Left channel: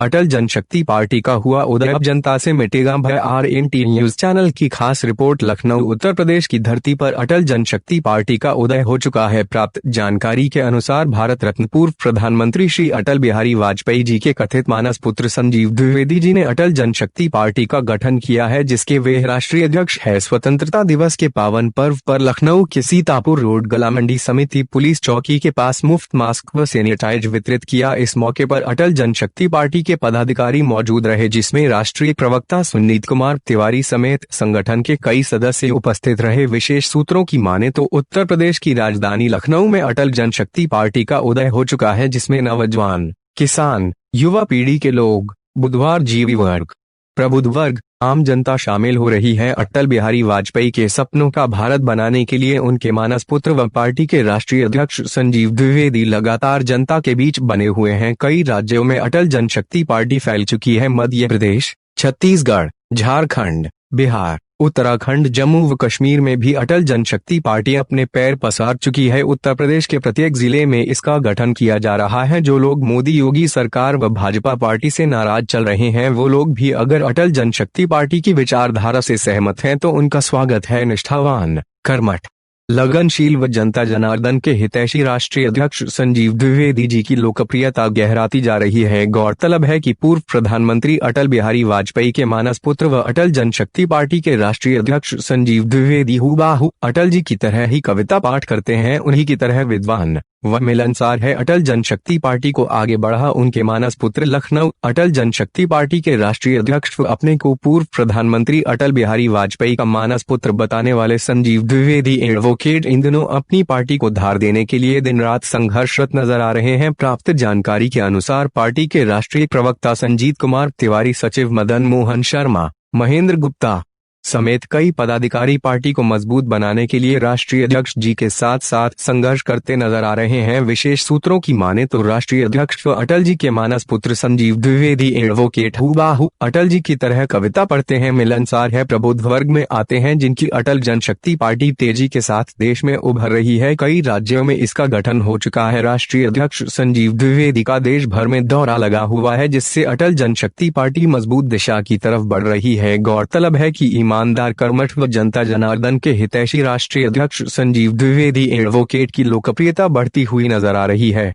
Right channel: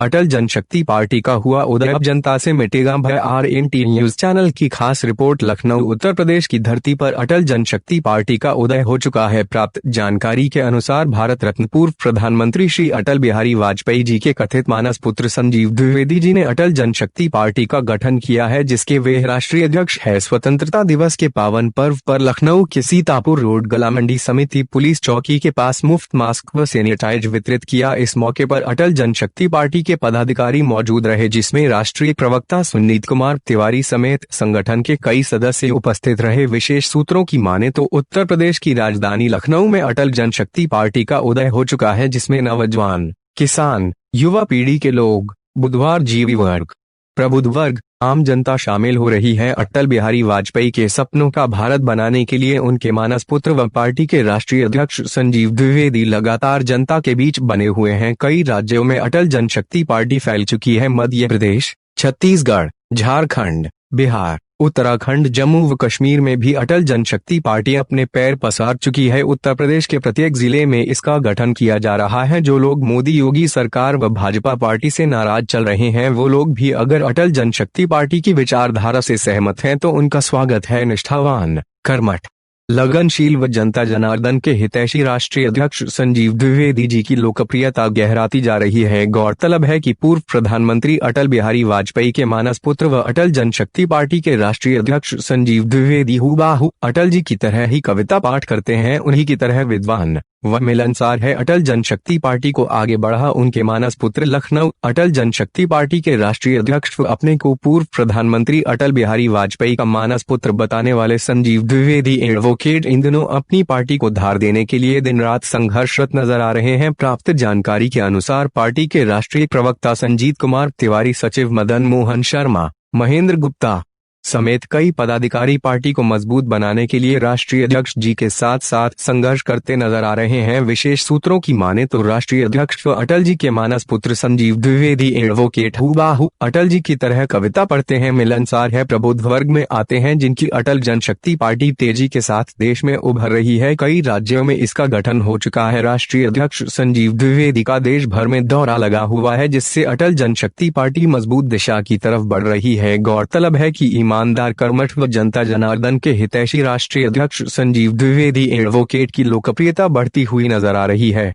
अटल जनशक्ति party का हुआ उदय, अब जनता से मिटेगा भय। RNT न्यूज चैनल की खास रिपोर्ट। लखनऊ उत्तर प्रदेश की धरती पर अटल जनशक्ति पार्टी का उदय हो चुका है। प्राप्त जानकारी के अनुसार भारत रत्न पूर्व प्रधानमंत्री श्री अटल बिहारी वाजपेयी जी के कथित मानस पुत्र संजीव द्विवेदी जी ने अटल जनशक्ति पार्टी का गठन किया है, जिसके वे राष्ट्रीय अध्यक्ष है। स्वतंत्रता दिवस के पावन पर्व पर लखनऊ के सीतापुर रोड गला मंडी समिति पुलिस चौकी के पास मुफ्त मास्क व सैनिटाइज वितरित किया। इस मौके पर अटल जनशक्ति पार्टी के पदाधिकारी मौजूद रहे, जिसमें राष्ट्रीय प्रवक्ता सुनीत कुमार तिवारी समेत संगठन के कई सदस्य उपस्थित रहे। विशेष सूत्रों की माने तो उत्तर प्रदेश की राजधानी लखनऊ में अटल जनशक्ति पार्टी का उदय हो चुका है, जिसमें नौजवान, किसान, युवा पीढ़ी के लोग, बुद्धिजीवी वर्ग, प्रबुद्ध वर्ग, आम जनता शामिल हो रही है। अटल बिहारी वाजपेयी के सपनों का भारत बनाने के लिए उनके मानस पुत्र व पार्टी के राष्ट्रीय अध्यक्ष संजीव द्विवेदी लगातार जनता के बीच बने हुए हैं। कई राज्यों में अटल जनशक्ति पार्टी फैल चुकी है। मध्य प्रदेश, छत्तीसगढ़, झारखंड, बिहार, उत्तराखंड, जम्मू व कश्मीर में भी अटल जनशक्ति पार्टी अपने पैर पसार चुकी है। उत्तर प्रदेश के प्रत्येक जिले में इसका गठन किया जा रहा है। जो लोग मोदी योगी सरकार व भाजपा पार्टी से नाराज चल रहे हैं, वो लोग भी अगर अटल जनशक्ति पार्टी की विचारधारा से सहमत हैं तो उनका स्वागत है। निष्ठावान, कर्मठ, लगनशील व जनता जनार्दन के हितैषी राष्ट्रीय अध्यक्ष संजीव द्विवेदी जी की लोकप्रियता गहराती जा रही है। गौरतलब है कि पूर्व प्रधानमंत्री अटल बिहारी वाजपेयी के मानस पुत्र व अटल जनशक्ति पार्टी के राष्ट्रीय अध्यक्ष संजीव द्विवेदी हूबहू अटल जी की तरह ही कविता पाठ करते हैं, उन्हीं की तरह विद्वान व मिलनसार है। अटल जनशक्ति पार्टी को आगे बढ़ा उनके मानस पुत्र। लखनऊ अटल जनशक्ति पार्टी के राष्ट्रीय अध्यक्ष व अपने को पूर्व प्रधानमंत्री अटल बिहारी वाजपेयी का मानस पुत्र बताने वाले संजीव द्विवेदी एडवोकेट इन दिनों अपनी पार्टी को धार देने के लिए दिन रात संघर्षरत नजर आ रहे हैं। प्राप्त जानकारी के अनुसार पार्टी के राष्ट्रीय प्रवक्ता संजीत कुमार तिवारी, सचिव मदन मोहन शर्मा, महेंद्र गुप्ता समेत कई पदाधिकारी पार्टी को मजबूत बनाने के लिए राष्ट्रीय अध्यक्ष जी के साथ साथ संघर्ष करते नजर आ रहे हैं। विशेष सूत्रों की माने तो राष्ट्रीय अध्यक्ष व अटल जी के मानस पुत्र संजीव द्विवेदी एडवोकेट हूबहू अटल जी की तरह कविता पढ़ते हैं, मिलनसार है, प्रबुद्ध वर्ग में आते हैं, जिनकी अटल जनशक्ति पार्टी तेजी के साथ देश में उभर रही है। कई राज्यों में इसका गठन हो चुका है। राष्ट्रीय अध्यक्ष संजीव द्विवेदी का देश भर में दौरा लगा हुआ है, जिससे अटल जनशक्ति पार्टी मजबूत दिशा की तरफ बढ़ रही है। गौरतलब है कि ईमानदार, कर्मठ व जनता जनार्दन के हितैषी राष्ट्रीय अध्यक्ष संजीव द्विवेदी एडवोकेट की लोकप्रियता बढ़ती हुई नजर आ रही है।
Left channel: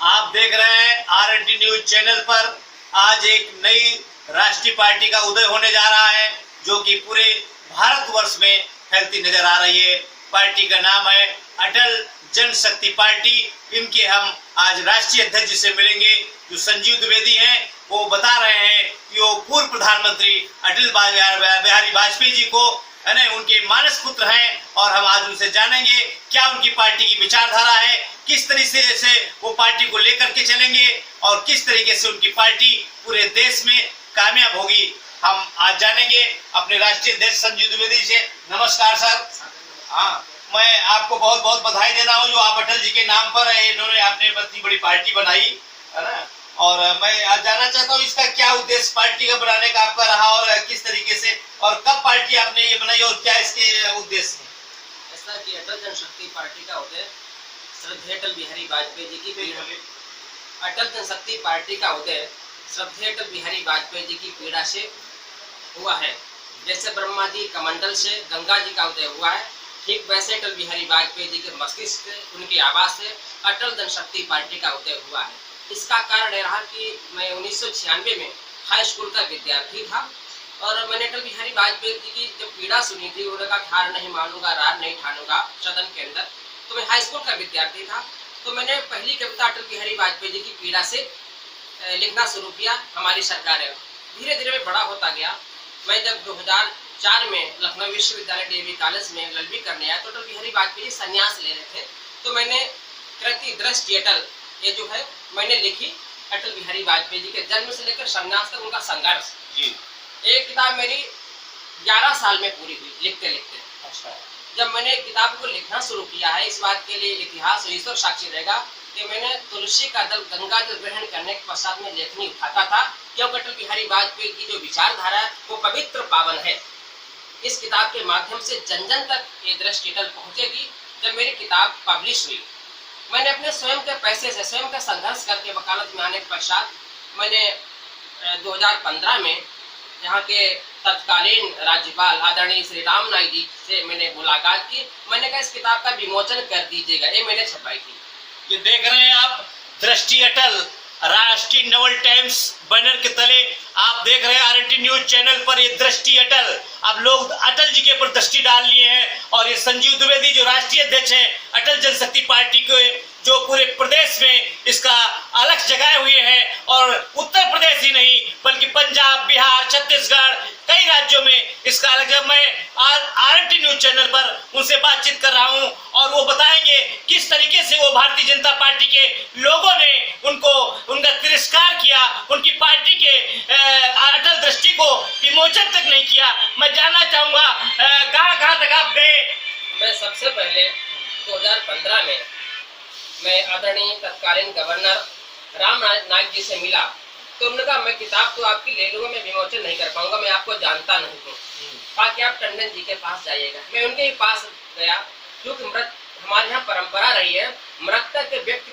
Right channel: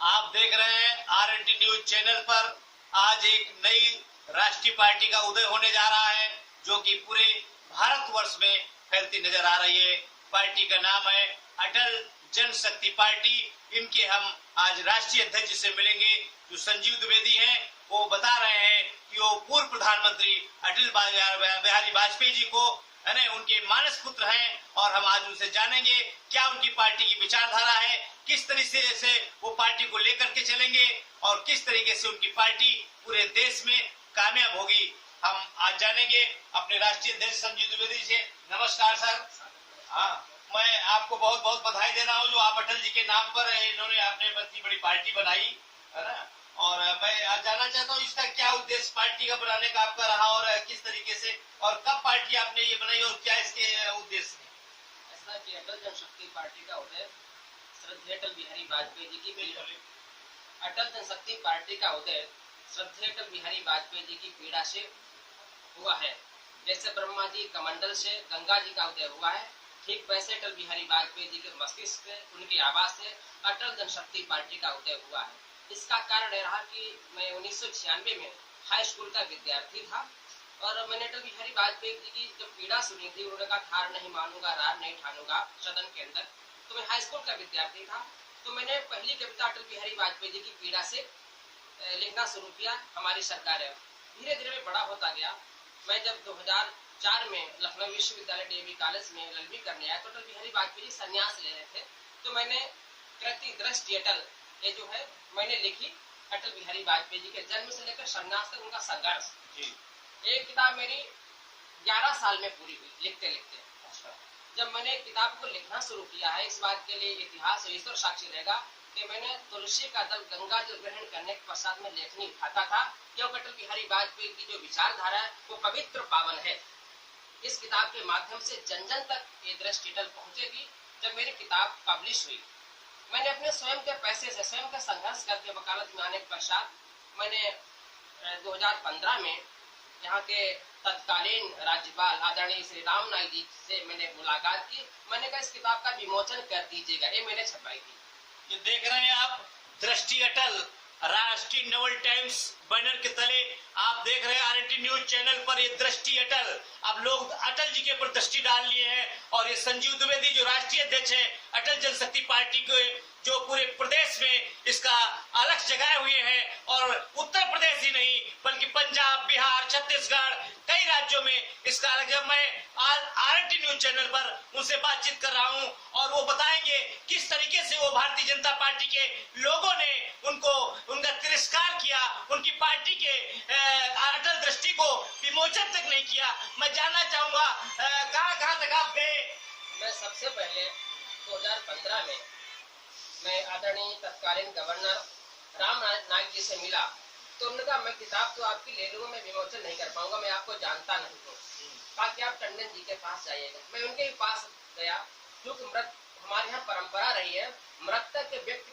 आप देख रहे हैं RNT न्यूज चैनल पर। आज एक नई राष्ट्रीय पार्टी का उदय होने जा रहा है, जो कि पूरे भारतवर्ष में फैलती नजर आ रही है। पार्टी का नाम है अटल जनशक्ति पार्टी। इनके हम आज राष्ट्रीय अध्यक्ष से मिलेंगे, जो संजीव द्विवेदी हैं। वो बता रहे हैं कि वो पूर्व प्रधानमंत्री अटल बिहारी वाजपेयी जी को उनके मानस पुत्र हैं, और हम आज उनसे जानेंगे क्या उनकी पार्टी की विचारधारा है, किस तरीके से वो पार्टी को लेकर के चलेंगे और किस तरीके से उनकी पार्टी पूरे देश में कामयाब होगी। हम आज जानेंगे अपने राष्ट्रीय अध्यक्ष संजीव द्विवेदी से। नमस्कार सर। हाँ, मैं आपको बहुत बहुत बधाई देना हूँ, जो आप अटल जी के नाम पर इन्होंने आपने इतनी बड़ी पार्टी बनाई है ना। और मैं आज जानना चाहता हूँ इसका क्या उद्देश्य पार्टी का बनाने का आपका रहा, और किस तरीके से और कब पार्टी आपने ये बनाई और क्या इसके उद्देश्य है। ऐसा कि अटल जनशक्ति पार्टी का उदय श्रद्धेय अटल बिहारी वाजपेयी जी की पीड़ा, अटल जनशक्ति पार्टी का उदय श्रद्धेय अटल बिहारी वाजपेयी जी की पीड़ा से हुआ है। जैसे ब्रह्मा जी कमंडल से गंगा जी का उदय हुआ है, ठीक वैसे अटल बिहारी वाजपेयी जी के मस्तिष्क से, उनकी आवाज से अटल जनशक्ति पार्टी का उदय हुआ है। इसका कारण यह रहा कि मैं 1996 में हाई स्कूल का विद्यार्थी था, और मैंने अटल बिहारी वाजपेयी जी की जब पीड़ा सुनी थी, उन्होंने कहा हार नहीं मानूंगा, रार नहीं ठानूंगा सदन के अंदर। तो मैं हाई स्कूल का विद्यार्थी था, तो मैंने पहली कविता अटल बिहारी वाजपेयी जी की पीड़ा से लिखना शुरू किया। हमारी सरकार धीरे धीरे मैं बड़ा होता गया। मैं जब 2004 में लखनऊ विश्वविद्यालय DAV कॉलेज में LLB करने आया, तो अटल बिहारी वाजपेयी संन्यास ले रहे थे, तो मैंने कृति दृष्टि अटल ये जो है मैंने लिखी। अटल बिहारी वाजपेयी जी के जन्म से लेकर संन्यास तक उनका संघर्ष जी। एक किताब मेरी 11 साल में पूरी हुई लिखते लिखते। अच्छा। जब मैंने किताब को लिखना शुरू किया है, इस बात के लिए इतिहास और ईश्वर साक्षी रहेगा कि मैंने तुलसी का दल गंगा जल ग्रहण करने के पश्चात में लेखनी उठाता था, क्योंकि अटल बिहारी वाजपेयी की जो विचारधारा है वो पवित्र पावन है। इस किताब के माध्यम से जन जन तक ये दृष्टि अटल पहुंचेगी। जब मेरी किताब पब्लिश हुई, मैंने अपने स्वयं के पैसे से, स्वयं का संघर्ष करके वकालत में आने के पश्चात मैंने 2015 में यहाँ के तत्कालीन राज्यपाल आदरणीय श्री राम नाईक जी से मैंने मुलाकात की। मैंने कहा इस किताब का विमोचन कर दीजिएगा, ये मैंने छपाई थी। ये देख रहे हैं आप, दृष्टि अटल, राष्ट्रीय नवल टाइम्स बैनर के तले आप देख रहे हैं आरएनटी न्यूज चैनल पर ये दृष्टि अटल। अब लोग अटल जी के ऊपर दृष्टि डाल लिए हैं और ये संजीव द्विवेदी जो राष्ट्रीय अध्यक्ष हैं अटल जनशक्ति पार्टी के, जो पूरे प्रदेश में इसका अलग जगाए हुए हैं और उत्तर प्रदेश ही नहीं बल्कि पंजाब, बिहार, छत्तीसगढ़ कई राज्यों में इसका अलग। जब मैं आरएनटी न्यूज चैनल पर उनसे बातचीत कर रहा हूं और वो बताएंगे किस तरीके से वो भारतीय जनता पार्टी के लोगों ने उनका तिरस्कार किया, उनकी पार्टी के अटल दृष्टि को विमोचन तक नहीं किया। मैं जानना चाहूंगा कहां तक आप गए। मैं सबसे पहले 2015 में मैं आदरणीय तत्कालीन गवर्नर राम नाईक जी से मिला तो उन्होंने कहा मैं किताब तो आपकी ले लूंगा, मैं विमोचन नहीं कर पाऊंगा, मैं आपको जानता नहीं हूँ, ताकि आप टंडन जी के पास जाइएगा। मैं उनके ही पास गया, क्योंकि हमारे यहाँ परंपरा रही है मृतक व्यक्ति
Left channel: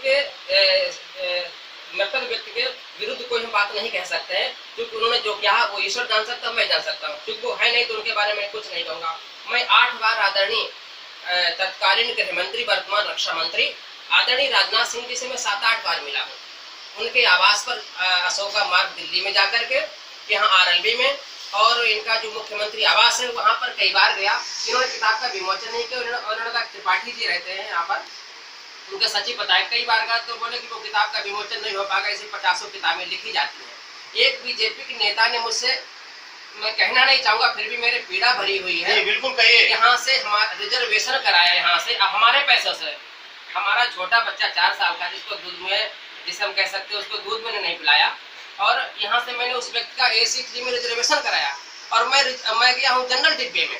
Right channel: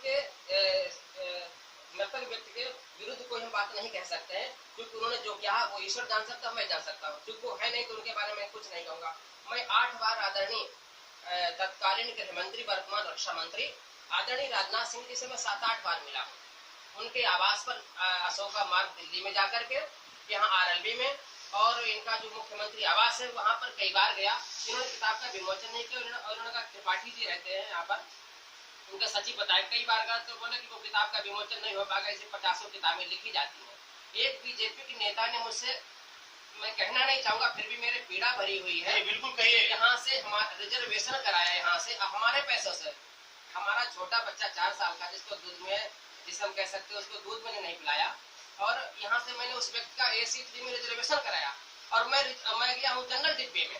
के विरुद्ध कोई हम बात नहीं कह सकते हैं, क्योंकि उन्होंने जो किया वो ईश्वर जान सकता, मैं जान सकता हूँ, क्योंकि वो है नहीं तो उनके बारे में कुछ नहीं कहूँगा। मैं 8 बार आदरणीय तत्कालीन गृह मंत्री वर्तमान रक्षा मंत्री आदरणीय राजनाथ सिंह जी से मैं 7-8 बार मिला हूँ। उनके आवास पर अशोका मार्ग दिल्ली में जाकर के, यहाँ आरएलबी में, और इनका जो मुख्यमंत्री आवास है वहाँ पर कई बार गया। इन्होंने किताब का विमोचन नहीं किया। उन्होंने कहा त्रिपाठी जी रहते हैं यहाँ पर, उनके सचिव बताए, कई बार गया तो बोले कि वो किताब का विमोचन नहीं हो पाएगा, इसे 50 किताबें लिखी जाती हैं। एक बीजेपी के नेता ने मुझसे, मैं कहना नहीं चाहूंगा फिर भी मेरे पीड़ा भरी हुई है, बिल्कुल कहिए, यहाँ से हमारा रिजर्वेशन कराया, यहाँ से हमारे पैसों से हमारा छोटा बच्चा 4 साल का जिसको दूध में, जिसे हम कह सकते हैं उसको दूध मैंने नहीं पिलाया, और यहाँ से मैंने उस व्यक्ति का AC 3 में रिजर्वेशन कराया और मैं गया हूँ जनरल डिब्बे में,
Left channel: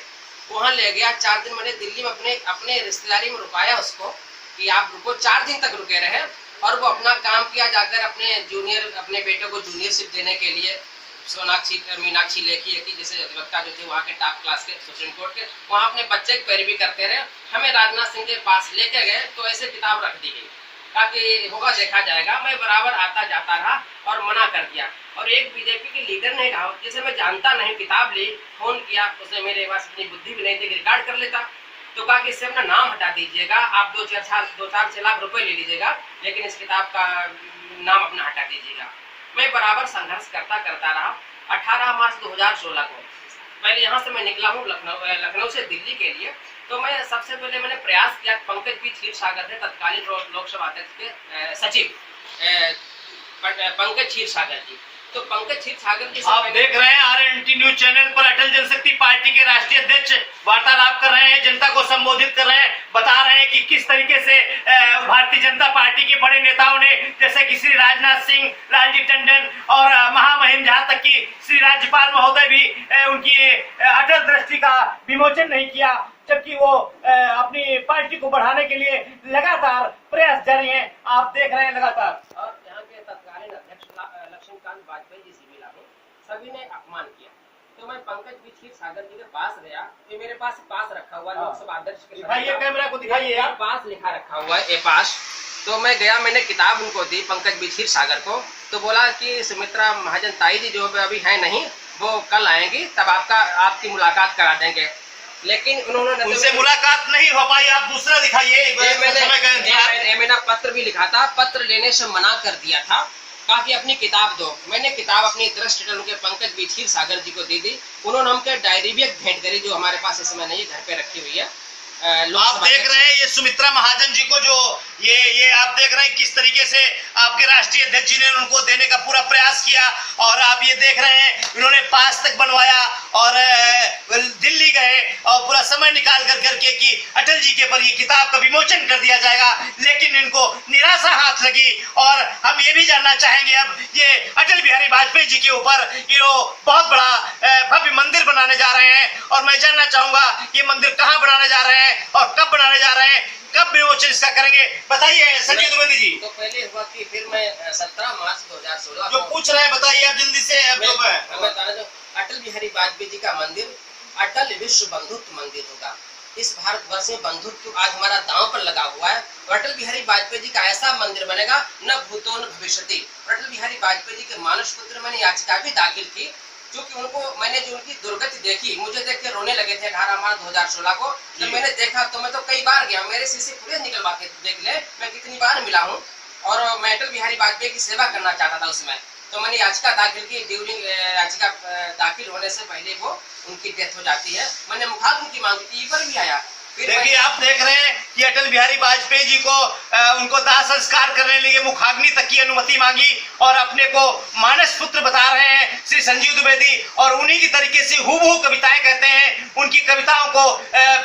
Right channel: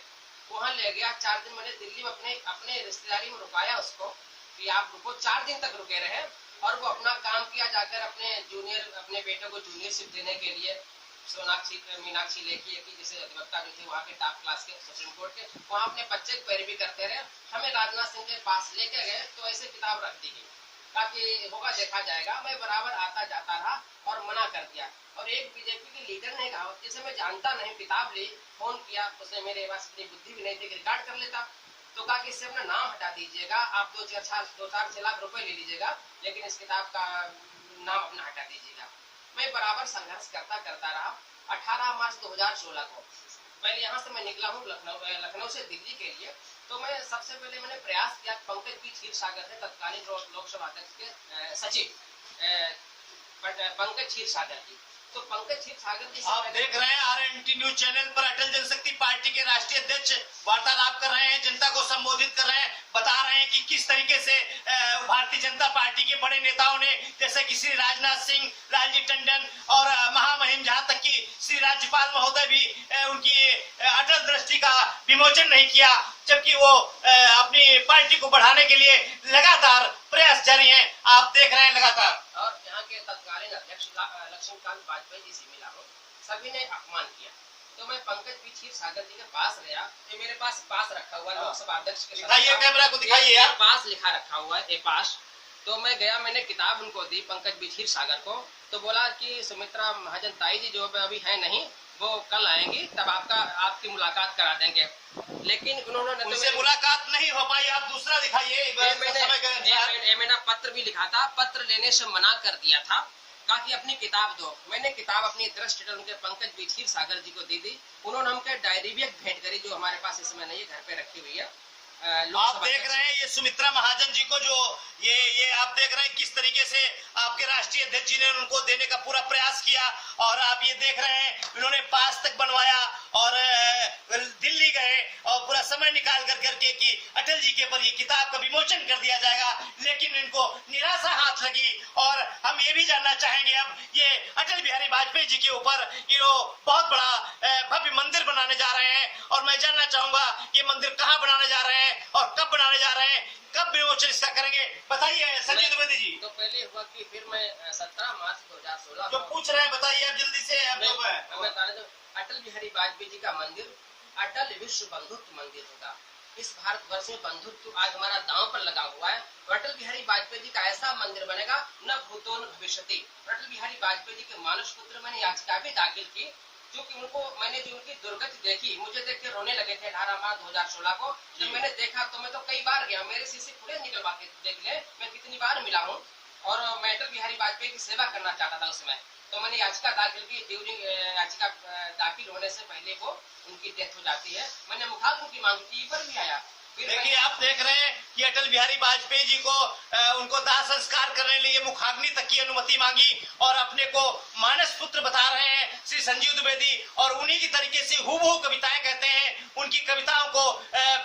वहाँ ले गया। 4 दिन मैंने दिल्ली में अपने रिश्तेदारी में रुकाया उसको कि आप रुको। 4 दिन तक रुके रहे और वो अपना काम किया, जाकर अपने बेटे को जूनियरशिप देने के लिए मीनाक्षी लेखी है कि जैसे अधिवक्ता जो थे वहाँ के टॉप क्लास के सुप्रीम कोर्ट के, वहाँ अपने बच्चे की पैरवी करते रहे। हमें राजनाथ सिंह के पास लेके गए तो ऐसे किताब रख दी गई ताकि होगा देखा जाएगा। मैं बराबर आता जाता रहा और मना कर दिया, और एक बीजेपी के लीडर ने कहा, जिसे मैं जानता नहीं, किताब ली, फोन किया, उसने मेरे पास इतनी बुद्धि भी नहीं थी, रिकॉर्ड कर लेता, तो कहा कि इससे अपना नाम हटा दीजिएगा, आप 2-4 लाख रुपए ले लीजिएगा, लेकिन इस किताब का नाम अपना हटा दीजिएगा। मैं बराबर संघर्ष करता रहा। 18 मार्च 2016 को पहले यहाँ से मैं निकला हूँ लखनऊ से दिल्ली के लिए। तो मैं सबसे पहले मैंने प्रयास किया, पंकज भी क्षीरसागर थे तत्कालीन लोकसभा अध्यक्ष के सचिव पंकज क्षीरसागर जी, तो पंकज क्षीरसागर जी आप देख रहे हैं आरएनटी न्यूज चैनल पर अटल जनशक्ति पार्टी के राष्ट्रीय अध्यक्ष वार्तालाप कर रहे हैं, जनता को संबोधित कर रहे हैं, बता रहे हैं कि किस तरीके से भारतीय जनता पार्टी के बड़े नेताओं ने, जैसे कि श्री राजनाथ सिंह, लालजी टंडन और महामहिम, जहां तक कि श्री राज्यपाल महोदय भी उनकी अटल दृष्टि का विमोचन नहीं किया, जबकि वो अपनी पार्टी को बढ़ाने के लिए लगातार प्रयास जारी है। आप देख रहे हैं लगातार। और यहाँ के तत्कालीन अध्यक्ष लक्ष्मीकांत वाजपेयी जी से मिला हूँ, सभी ने अपमान किया, तो मैं पंकज भी क्षीरसागर जी के पास गया। तो मेरे पास रखा हुआ लोकसभा अध्यक्ष के कैमरा को दिखाइए, पास लिखा रखा हुआ है पास। तो मैं गया, मैंने किताब उनको दी पंकज भी क्षीरसागर को, तो बोला कि सुमित्रा महाजन ताई जी जो अभी है नहीं, वो कल आएंगी, तब आपकी मुलाकात करा देंगे। लेकिन उन्होंने उनसे मुलाकात नहीं हो पाई। आप दूसरा दिखाइए। मैंने पत्र भी लिखा था, पत्र लेने से मना कर दिया था, कहा कि अपनी किताब दो। मैंने किताब अपनी दृष्टि अटल के पंकज भी क्षीरसागर जी को दे दी। उन्होंने हमको डायरी भी भेंट करी, जो हमारे पास इस समय नहीं, घर पे रखी हुई है। आप देख रहे हैं ये सुमित्रा महाजन जी को, जो ये आप देख रहे हैं किस तरीके से आपके राष्ट्रीय अध्यक्ष जी ने उनको देने का पूरा प्रयास किया, और आप ये देख रहे हैं इन्होंने पास तक बनवाया और दिल्ली गए और पूरा समय निकाल करके कि अटल जी के पर ये किताब का विमोचन कर दिया जाएगा, लेकिन इनको निराशा हाथ लगी। और हम ये भी जानना चाहेंगे अब, ये अटल बिहारी वाजपेयी जी के ऊपर ये बहुत बड़ा भव्य मंदिर बनाने जा रहे हैं, और मैं जानना चाहूंगा ये मंदिर कहाँ बनाने जा रहे हैं और कब बनाने जा रहे हैं, कब विमोचन इसका करेंगे, बताइए संजय द्विवेदी जी। तो पहले हुआ कि फिर मैं 17 मार्च 2016 जो पूछ रहे हैं बताइए आप जल्दी से। अब जो अटल बिहारी वाजपेयी जी का मंदिर अटल विश्व बंधुत्व मंदिर होगा। इस भारतवर्ष में बंधुत्व आज हमारा दांव पर लगा हुआ है। अटल बिहारी वाजपेयी जी का ऐसा मंदिर बनेगा न भूतो न भविष्यति। अटल बिहारी वाजपेयी जी के मानस पुत्र मैंने याचिका भी दाखिल की, क्योंकि उनको मैंने जो उनकी दुर्गति देखी, मुझे देख के रोने लगे थे 18 मार्च 2016 को। जब मैंने देखा तो मैं तो कई बार गया, मेरे सीसी फुटेज निकलवा के देख ले मैं कितनी बार मिला हूँ। और मैं अटल बिहारी वाजपेयी की सेवा करना चाहता था उसमें, तो मैंने याचिका दाखिल की। ड्यूरिंग याचिका दाखिल होने से पहले वो उनकी डेथ हो जाती है। मैंने मुखाग्नि की मांग की, पर भी आया। देखिए आप देख रहे हैं कि अटल बिहारी वाजपेयी जी को उनको दाह संस्कार करने के लिए मुखाग्नि तक की अनुमति मांगी और अपने को मानस पुत्र बता रहे हैं श्री संजीव द्विवेदी, और उन्हीं की तरीके से हूबहू कविताएं कहते हैं। उनकी कविताओं को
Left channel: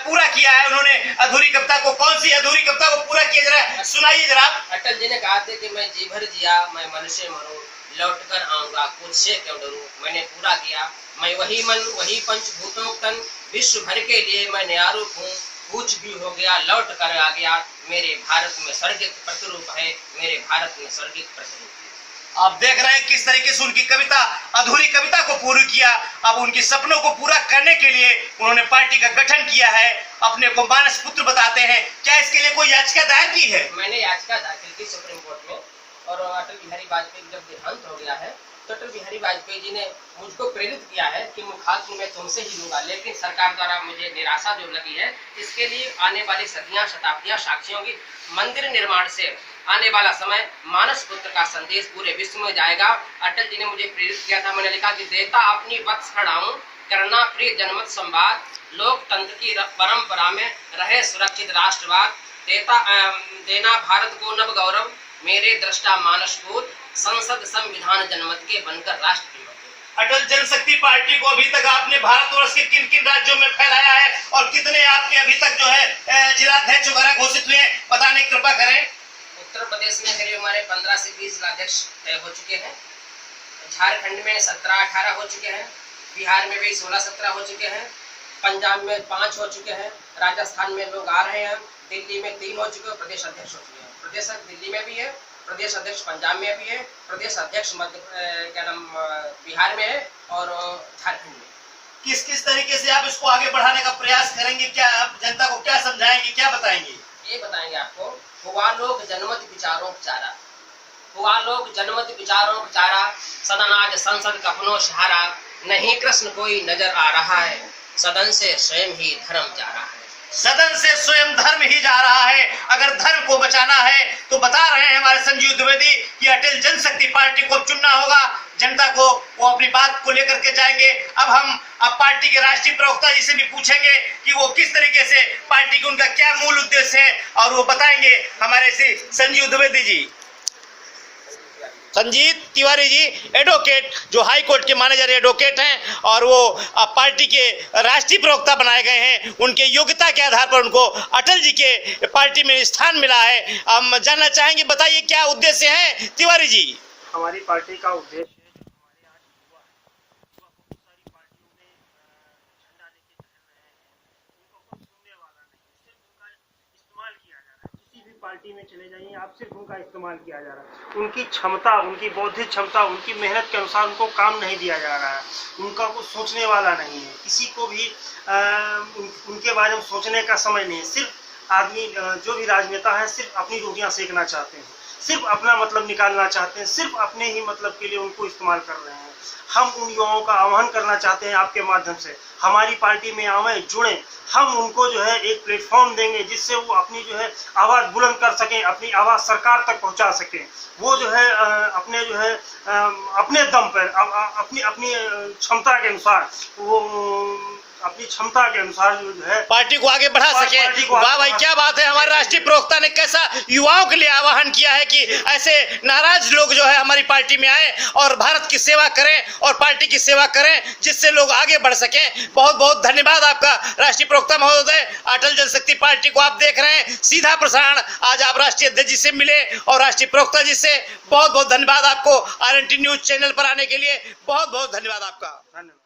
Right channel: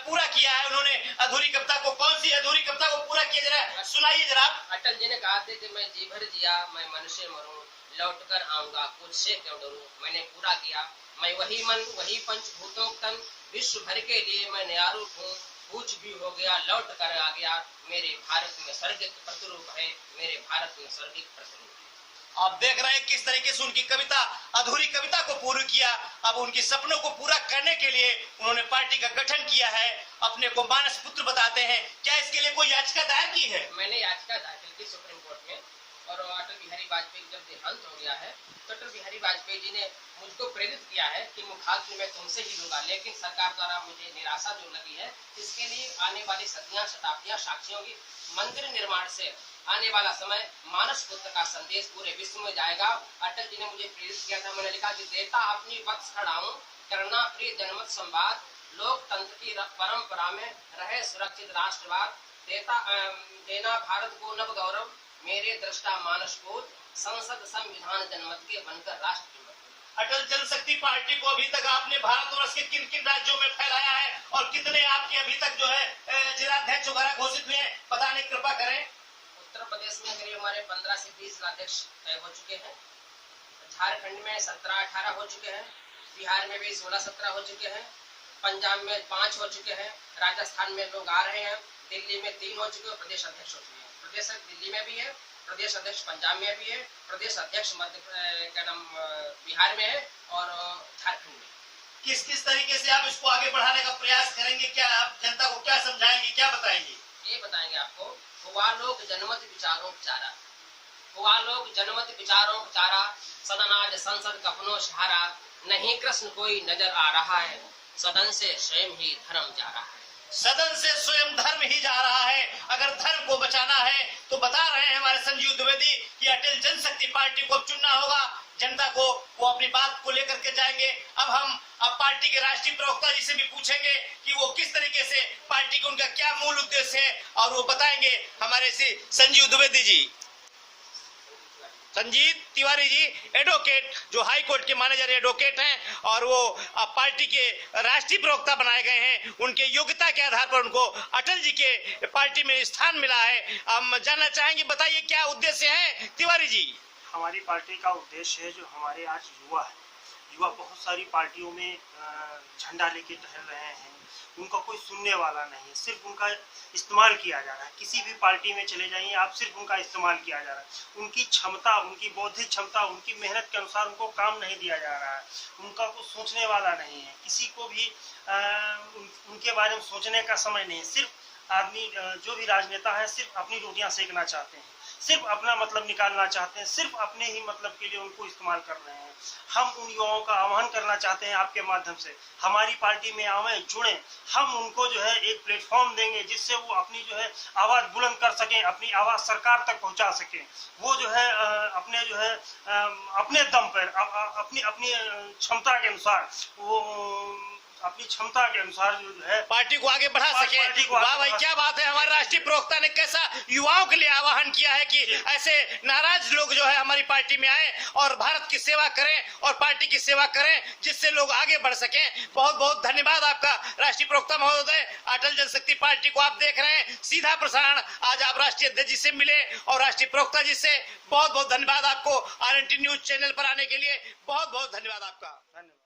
पूरा किया है उन्होंने। अधूरी कविता को, कौन सी अधूरी कविता को पूरा किया, जरा सुनाइए जरा। अटल जी ने कहा था कि मैं जी भर जिया मैं मन से मरूं, लौट कर आऊंगा कुछ से क्यों डरूं। मैंने पूरा किया, मैं वही मन वही पंचभूतों तन, विश्व भर के लिए मैं न्यारूप हूँ। कुछ भी हो गया लौट कर आ गया, मेरे भारत में स्वर्गिक प्रतिरूप है, मेरे भारत में स्वर्गिक प्रतिरूप है। आप देख रहे हैं किस तरीके से उनकी कविता, अधूरी कविता को पूरी किया। अब उनके सपनों को पूरा करने के लिए उन्होंने पार्टी का गठन किया है, अपने को मानस पुत्र बताते हैं। क्या इसके लिए कोई याचिका दायर की है? मैंने याचिका दाखिल की सुप्रीम कोर्ट में। और अटल बिहारी वाजपेयी जब देहांत हो गया है तो अटल बिहारी वाजपेयी जी ने मुझको प्रेरित किया है कि मुखाग्नि मैं तुमसे ही लूंगा, लेकिन सरकार द्वारा मुझे निराशा जो लगी है, इसके लिए आने वाली सदियां शताब्दियां साक्षी होंगी। मंदिर निर्माण से आने वाला समय मानस पुत्र का संदेश पूरे विश्व में जाएगा। अटल जी ने मुझे प्रेरित किया था। मैंने लिखा कि देता अपनी वत्स खड़ाऊं, करना प्रिय जनमत संवाद, लोकतंत्र की परंपरा में रहे सुरक्षित राष्ट्रवाद, देना भारत को नव गौरव, मेरे दृष्टा मानस पूत, संसद संविधान जनमत के बनकर राष्ट्र। अटल जनशक्ति पार्टी को अभी तक आपने भारतवर्ष के किन किन राज्यों में फैलाया है और कितने आपके अभी तक जो है जिलाध्यक्ष वगैरह घोषित हुए, बताने की कृपा करें। उत्तर प्रदेश में करीब हमारे 15 से 20 जिलाध्यक्ष तय हो चुके हैं, झारखंड में 17-18 हो चुके हैं, बिहार में भी 16-17 हो चुके हैं, पंजाब में 5 हो चुके हैं, राजस्थान में लोग आ रहे हैं, दिल्ली में 3 हो चुके हैं, प्रदेश अध्यक्ष हो चुके हैं। प्रदेश दिल्ली में भी है, प्रदेश अध्यक्ष पंजाब में भी है, प्रदेश अध्यक्ष बिहार में है और झारखंड में। किस किस तरीके से आप इसको आगे बढ़ाने का प्रयास करेंगे? क्या आप जनता को क्या समझाएंगे, क्या बताएंगे? ये बताएंगे आपको। हुआ लोग जनमत विचारों चारा, हुआ लोग जनमत विचारों चारा, सदन आज संसद कफनों सहारा, नहीं कृष्ण कोई नजर आ रहा है, सदन से स्वयं ही धर्म जा रहा है। सदन से स्वयं धर्म ही जा रहा है। अगर धर्म को बचाना है तो बता रहे हैं हमारे संजीव द्विवेदी कि अटल जनशक्ति पार्टी को चुनना होगा। जनता को वो अपनी बात को लेकर के जाएंगे। अब पार्टी के राष्ट्रीय प्रवक्ता जी से भी पूछेंगे कि वो किस तरीके से पार्टी का उनका क्या मूल उद्देश्य है, और वो बताएंगे हमारे श्री संजीव द्विवेदी जी। संजीत तिवारी जी एडवोकेट, जो हाई कोर्ट के मैनेजर एडवोकेट हैं और वो पार्टी के राष्ट्रीय प्रवक्ता बनाए गए हैं। उनके योग्यता के आधार पर उनको अटल जी के पार्टी में स्थान मिला है। हम जानना चाहेंगे, बताइए क्या उद्देश्य है तिवारी जी? हमारी पार्टी का उद्देश्य है, जो हमारे आज युवा है, युवा बहुत सारी पार्टियों में झंडा लेके टहल रहे हैं, उनका कोई सुनने वाला नहीं है, सिर्फ उनका इस्तेमाल किया जा रहा है। किसी भी पार्टी में चले जाइए आप, सिर्फ उनका इस्तेमाल किया जा रहा है। उनकी क्षमता, उनकी बौद्धिक क्षमता, उनकी मेहनत के अनुसार उनको काम नहीं दिया जा रहा है। उनका कोई सोचने वाला नहीं है, किसी को भी उनके बारे में सोचने का समय नहीं है। सिर्फ आदमी जो भी राजनेता है सिर्फ अपनी रोटियां सेकना चाहते हैं, सिर्फ अपना मतलब निकालना चाहते हैं, सिर्फ अपने ही मतलब के लिए उनको इस्तेमाल कर रहे हैं। हम उन युवाओं का आह्वान करना चाहते हैं आपके माध्यम से, हमारी पार्टी में आवें, जुड़ें। हम उनको जो है एक प्लेटफॉर्म देंगे जिससे वो अपनी जो है आवाज़ बुलंद कर सकें, अपनी आवाज़ सरकार तक पहुंचा सकें। वो जो है अपने जो है अपने दम पर, अपनी अपनी क्षमता के अनुसार, वो अपनी क्षमता के अनुसार जो है पार्टी को आगे बढ़ा सके। वाह भाई, क्या बात है। हमारे राष्ट्रीय प्रवक्ता ने कैसा युवाओं के लिए आह्वान किया है कि ऐसे नाराज लोग जो है हमारी पार्टी में आए और भारत की सेवा करें और पार्टी की सेवा करें, जिससे लोग आगे बढ़ सकें। बहुत बहुत धन्यवाद आपका राष्ट्रीय प्रवक्ता महोदय। अटल जनशक्ति पार्टी को आप देख रहे हैं सीधा प्रसारण। आज आप राष्ट्रीय अध्यक्ष जी से मिले और राष्ट्रीय प्रवक्ता जी से। बहुत बहुत धन्यवाद आपको RNT न्यूज चैनल पर आने के लिए। बहुत बहुत धन्यवाद आपका। धन्यवाद।